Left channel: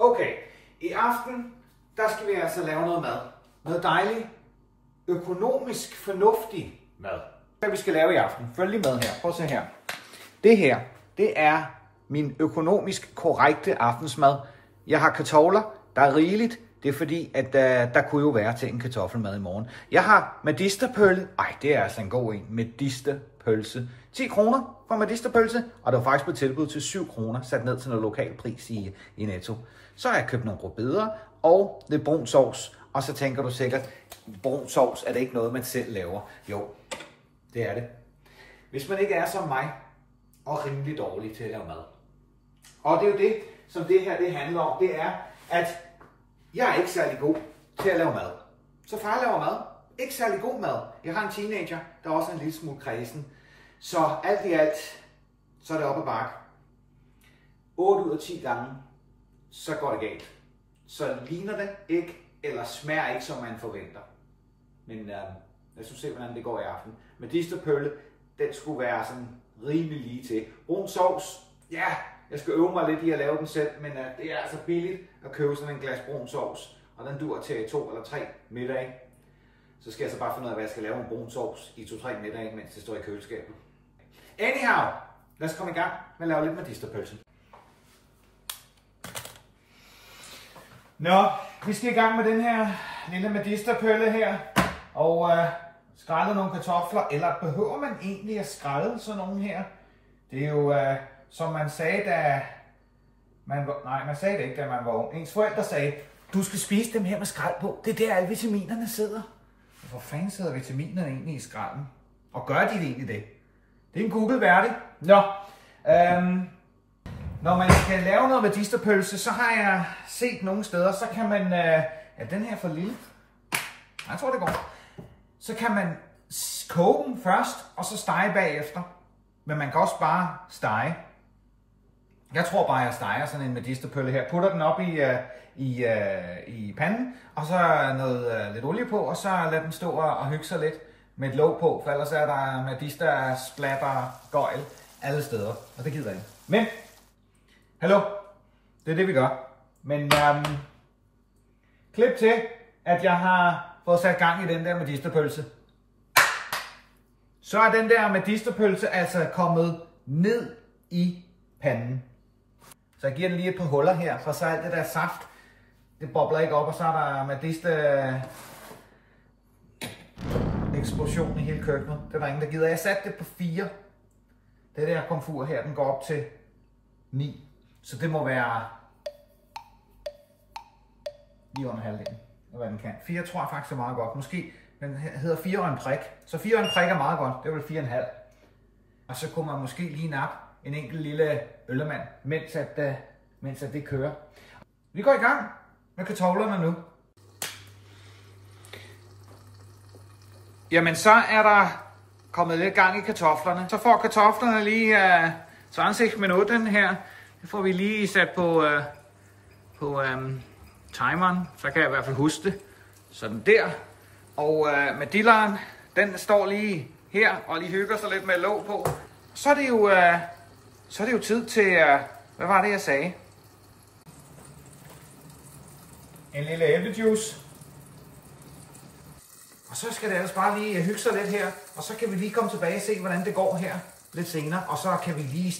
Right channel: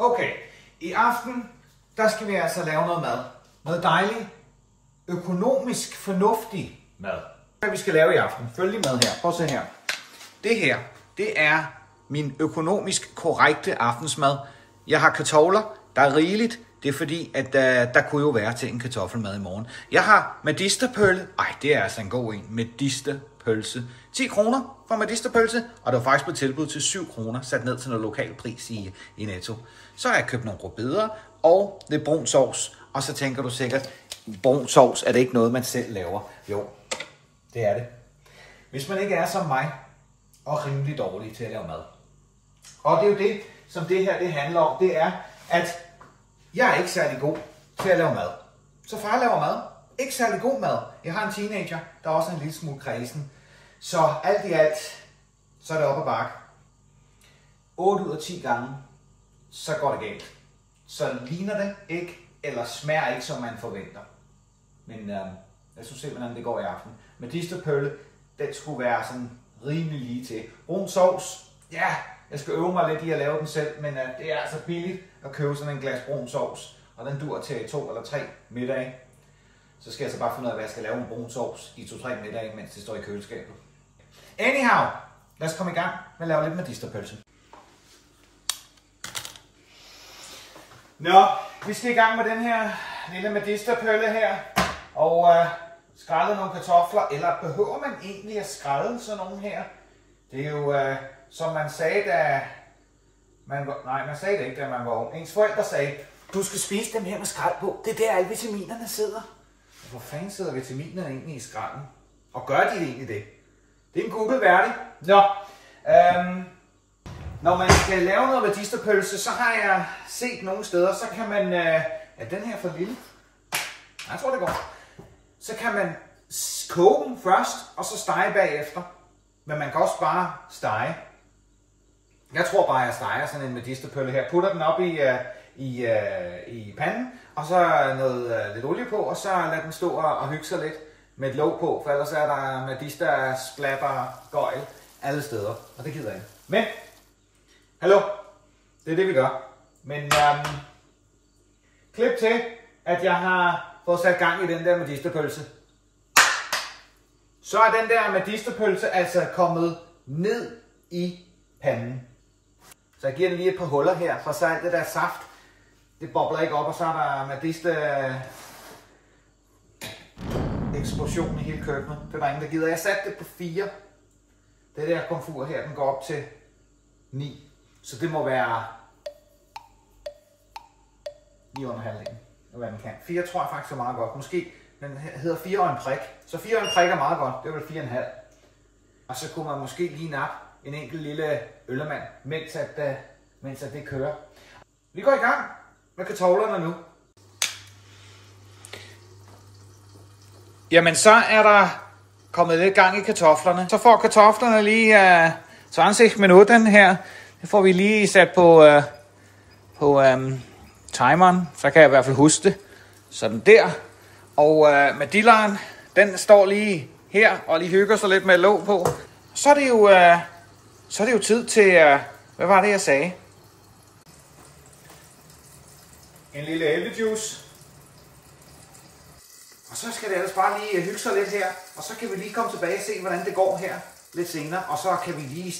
Okay, i aften, der skal vi altså lave noget mad. Noget dejligt, økonomisk fornuftig mad. Hvad vi skal lave i aften. Følg lige med her. Prøv at se her. Det her, det er min økonomisk korrekte aftensmad. Jeg har kartofler, der er rigeligt. Det er fordi, at der kunne jo være til en kartoffelmad i morgen. Jeg har medisterpølse. Ej, det er altså en god en. Medisterpølse. 10 kroner for medisterpølse, og det var faktisk på tilbud til 7 kroner, sat ned til noget lokal pris i Netto. Så har jeg købt nogle rødbeder og lidt brun sovs, og så tænker du sikkert, brun sovs, er det ikke noget, man selv laver? Jo, det er det. Hvis man ikke er som mig, og rimelig dårlig til at lave mad. Og det er jo det, som det her det handler om, det er, at jeg er ikke særlig god til at lave mad. Så far laver mad. Ikke særlig god mad. Jeg har en teenager, der også er en lille smule kredsen. Så alt i alt, så er det op ad bakke. 8 ud af 10 gange, så går det galt. Så ligner det ikke, eller smager ikke, som man forventer. Men lad os se, hvordan det går i aften. Medisterpølse, den skulle være sådan rimelig lige til. Brun sovs, ja, jeg skal øve mig lidt i at lave den selv, men det er altså billigt at købe sådan en glas brun sovs. Og den dur til 2 eller 3 middage. Så skal jeg så bare finde ud af, hvad jeg skal lave en brun sovs i 2-3 middage, mens det står i køleskabet. Anyhow, lad os komme i gang med at lave lidt medisterpølse. Nå, vi skal i gang med den her lille medisterpølse her. Og skrælle nogle kartofler, eller behøver man egentlig at skrælle sådan nogle her? Det er jo, som man sagde, da man var... Nej, man sagde det ikke, da man var ung. Ens forældre sagde, du skal spise dem her med skrald på. Det er der, alle vitaminerne sidder. Hvor fanden sidder vitaminerne egentlig i skralden? Og gør de egentlig det? Det er en Google værdig. Nå, når man skal lave noget medisterpølse, så har jeg set nogle steder, så kan man... er den her for lille? Jeg tror, det går. Så kan man koge den først, og så stege bagefter. Men man kan også bare stege. Jeg tror bare, jeg steger sådan en medisterpølse her. Putter den op i panden, og så noget lidt olie på, og så lader den stå og hygge sig lidt med et låg på, for ellers er der medister, splatter, gøjl alle steder, og det gider jeg ikke. Men, hallo, det er det vi gør. Men klip til, at jeg har fået sat gang i den der medisterpølse. Så er den der medisterpølse altså kommet ned i panden. Så jeg giver den lige et par huller her, for så alt det der saft, det bobler ikke op, og så er der medister eksplosion i hele køkkenet. Det er der ingen, der gider. Jeg satte det på 4. Det der komfur her, den går op til 9. Så det må være lige under halvdelen af hvad den kan. 4 tror jeg faktisk er meget godt. Måske, men hedder 4 og en prik. Så 4 og en prik er meget godt. Det er vel 4,5. Og så kunne man måske lige nappe en enkelt lille øllermand, mens det kører. Vi går i gang med kartoflerne nu. Jamen så er der kommet lidt gang i kartoflerne. Så får kartoflerne lige 20 minutter her. Det får vi lige sat på timeren. Så kan jeg i hvert fald huske det. Sådan der. Og med dilleren, den står lige her og lige hygger sig lidt med låg på. Så er det jo tid til, hvad var det jeg sagde? En lille æblejuice. Og så skal det ellers bare lige hygge sig lidt her. Og så kan vi lige komme tilbage og se, hvordan det går her lidt senere. Og så kan vi lige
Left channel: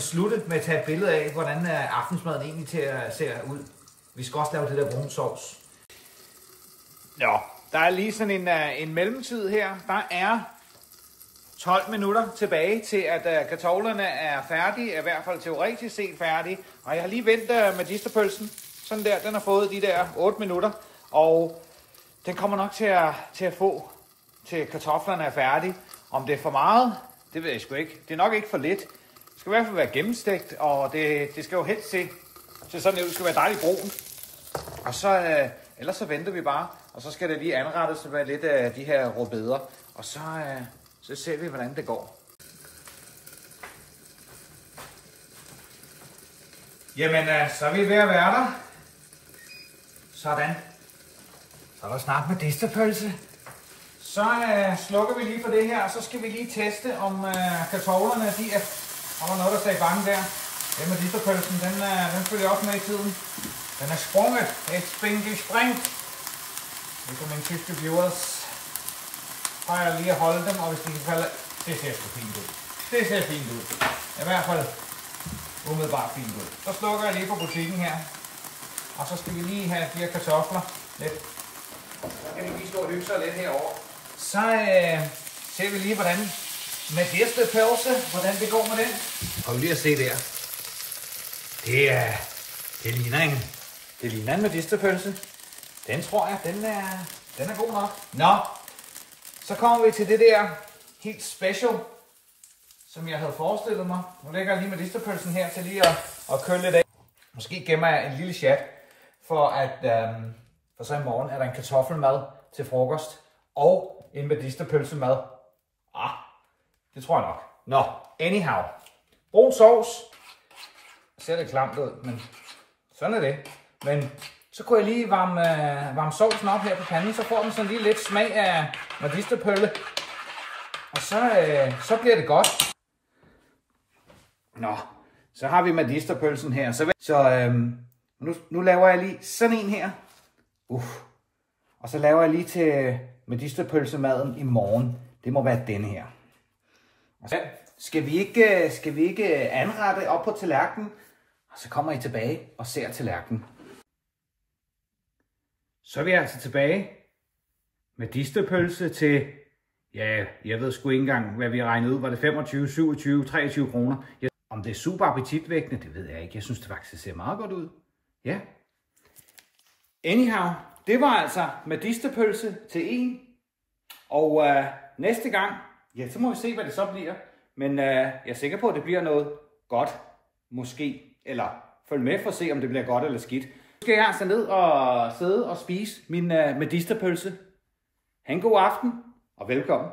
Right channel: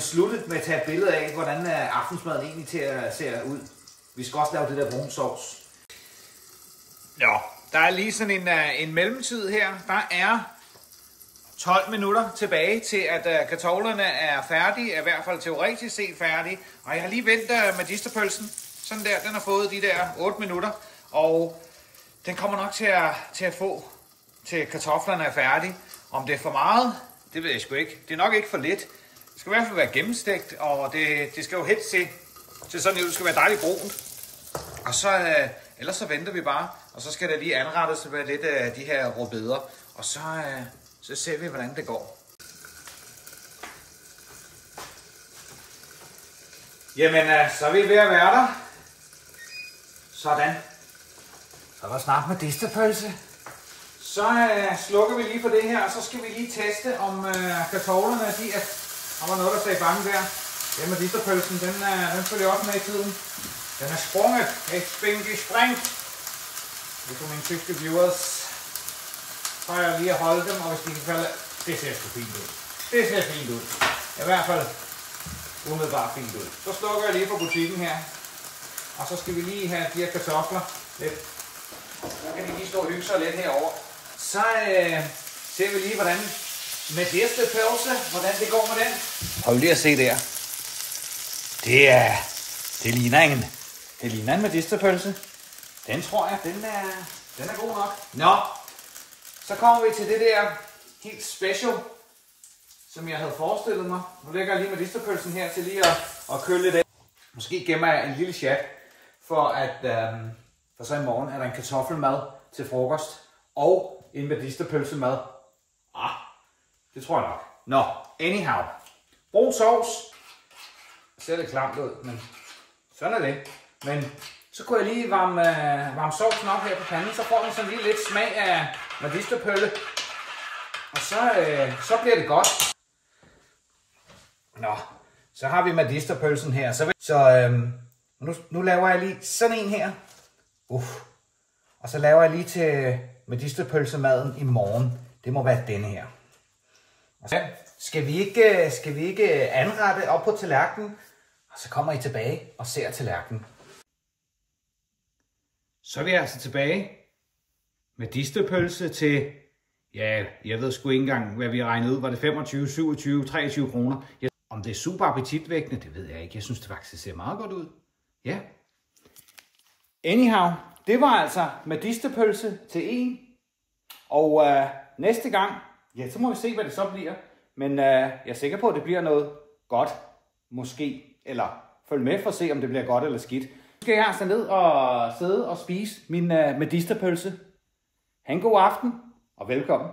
slutte med at tage et billede af, hvordan aftensmaden egentlig ser ud. Vi skal også lave det der brun sovs. Ja, der er lige sådan en mellemtid her. Der er 12 minutter tilbage til, at kartoflerne er færdige, er i hvert fald teoretisk set færdige. Og jeg har lige ventet medisterpølsen. Sådan der, den har fået de der 8 minutter. Og den kommer nok til at få, til kartoflerne er færdige. Om det er for meget, det ved jeg sgu ikke. Det er nok ikke for lidt. Det skal i hvert fald være gennemstegt, og det skal jo helst se til sådan, at det skal være dejligt brunt. Og så, ellers så venter vi bare, og så skal det lige anrettes med lidt af de her rødbeder. Og så ser vi, hvordan det går. Jamen, så er vi ved at være der. Sådan. Så er der snart medisterpølse. Så slukker vi lige for det her, og så skal vi lige teste, om kartoflerne, der var noget, der sagde bange der. Den medisterpølsen, den følger også med i tiden. Den er sprunget. Et spring. Nu på mine tyske viewers. Prøver lige at holde dem, og hvis de kan falde, det ser sgu fint ud. Det ser fint ud. I hvert fald umiddelbart fint ud. Så slukker jeg lige på butikken her. Og så skal vi lige have de her kartofler lidt. Så kan vi lige stå og hygge sig lidt herovre. Så ser vi lige, hvordan medisterpølse, hvordan det går med den. Hold lige at se der. Det ligner en medisterpølse. Den tror jeg, den er god nok. Nå, så kommer vi til det der helt special, som jeg havde forestillet mig. Nu lægger jeg lige medisterpølsen her til lige at køle lidt af. Måske gemmer jeg en lille chat, for så i morgen er der en kartoffelmad til frokost og en medisterpølsemad. Det tror jeg nok. Nå, anyhow. Brun sovs. Ser lidt klamt ud, men sådan er det. Men så kunne jeg lige varme sovsen op her på panden, så får man sådan lige lidt smag af medisterpølle. Og så bliver det godt. Nå, så har vi medisterpølsen her. Så nu laver jeg lige sådan en her. Og så laver jeg lige til medisterpølsemaden i morgen. Det må være denne her. Og så skal vi ikke anrette op på tallerkenen. Og så kommer I tilbage og ser tallerkenen. Så er vi altså tilbage. Medisterpølse til, ja, jeg ved sgu ikke engang, hvad vi regnede ud. Var det 25, 27, 23 kroner? Om det er super appetitvækkende, det ved jeg ikke. Jeg synes det faktisk ser meget godt ud. Ja. Anyhow, det var altså medisterpølse til en. Og næste gang, ja, så må vi se, hvad det så bliver. Men jeg er sikker på, at det bliver noget godt. Måske. Eller følg med for at se, om det bliver godt eller skidt. Nu skal jeg altså ned og sidde og spise min medisterpølse. Ha' en god aften og velkommen.